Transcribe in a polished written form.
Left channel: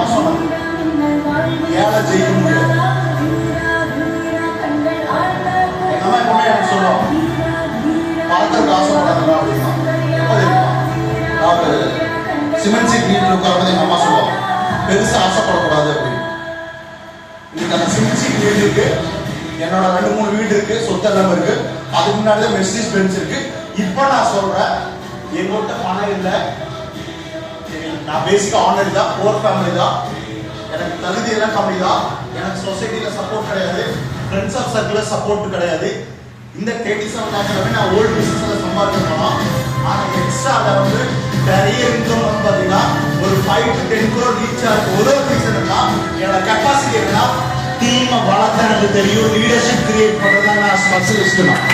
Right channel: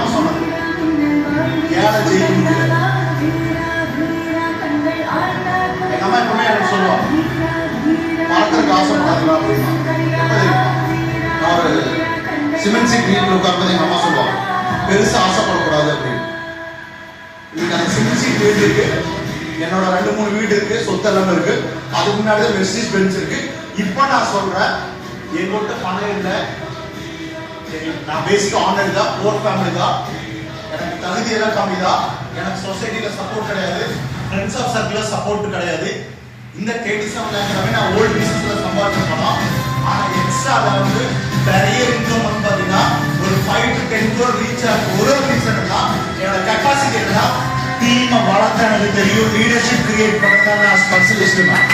அவன் சொன்னது. ஏழை ஜெயிக்க முடியாது. எங்க அம்மா எப்பவுமே எனக்கு சொல்லுவாங்க, பணத்திற்கு ஆசைப்படாதீங்க அப்படின்னா. எப்ப தெரியுமா? நான் ஒரு சிமெண்ட் சீட் வீட்டில் உட்கார்ந்து எங்க அம்மா சொல்லுவாங்க, பெருசா ஆசைப்படக்கூடாது அப்படின்னு. இன்னைக்கு அந்த சிமெண்ட் சீட் வீடு இருக்கு, என்னோட 2-3 வீடு இருக்கு, சொத்தெல்லாம் இருக்கு, அதுக்கு முன்னாடி மெர்சிடிஸ் பென்ஸ் இருக்கு. இப்ப நான் சொல்றேன், எங்கள்கிட்ட பணம் இல்லை, நான் பேசிக்கா ஆனர் தான், போர் ஃபேமிலி தான், எனக்கு தகுதி எல்லாம் கம்மி தான், எனக்கு சொசைட்டில சப்போர்ட் கிடையாது, ஃப்ரெண்ட்ஸ் ஆஃப் சர்க்கிள் சப்போர்ட் கிடையாது. இந்த 37 நான் ஓல்டு பிசினஸ்ல சம்பாதிக்கணும். ஆனா எக்ஸ்ட்ரா அதை வந்து நிறைய இன்கம் வந்து பாத்தீங்கன்னா ஒரு 5 to 10 crore ரீச் ஆகுது. ஒரு ரீசன் என்னோட கெப்பாசிட்டி என்னன்னா, டீமை வளர்த்த எனக்கு தெரியும், லீடர்ஷிப் கிரியேட் பண்ணதான் நான் ஸ்பெஷலிஸ்ட் தான்.